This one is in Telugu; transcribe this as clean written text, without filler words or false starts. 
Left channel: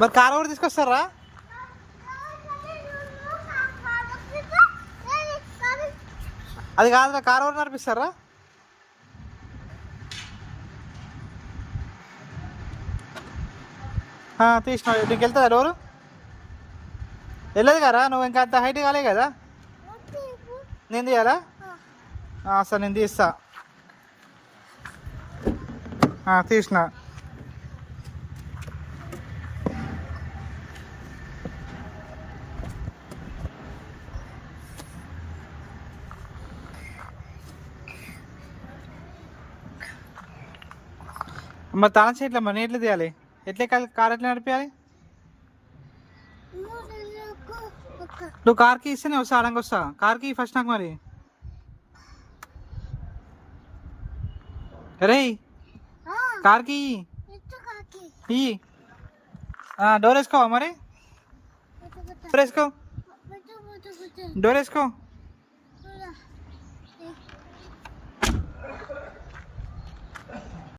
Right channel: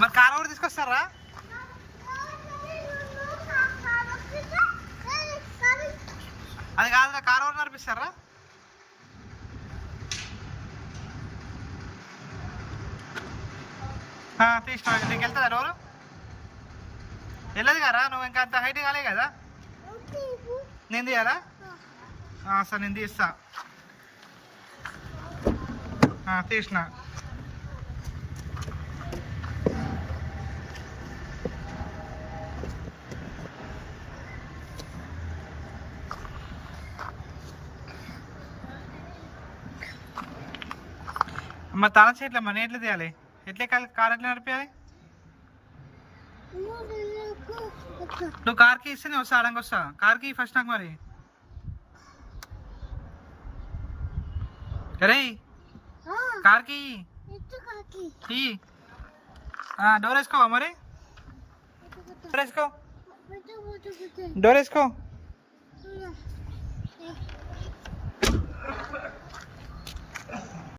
మరి కార్ కూడా తీసుకొస్తారా? అది కాదురా, కార్ కూడా నడిపిస్తారా? తీసినా నీకు వెళ్తుందా డోరు? వెళ్ళదు కదా, నువ్వు ఇంకా అంత హైట్ కాలే కదా. నేను తీయాలా? సరే నేను తీస్తా. తీసిన. మరి తన చెట్ల మరి ఎట్లా తీయాలి? ఎట్లా కార్ ఎట్లా నడిపించాలి? నువ్వు కార్కి ఇస్తేనే వస్తా, అడంగా వస్తా. కార్కి ఫస్ట్ నాకు మరి. రే కార్కి డోర్ వేసుకోవా మరి? డోర్ వేసుకో, డోర్ వేసుకో.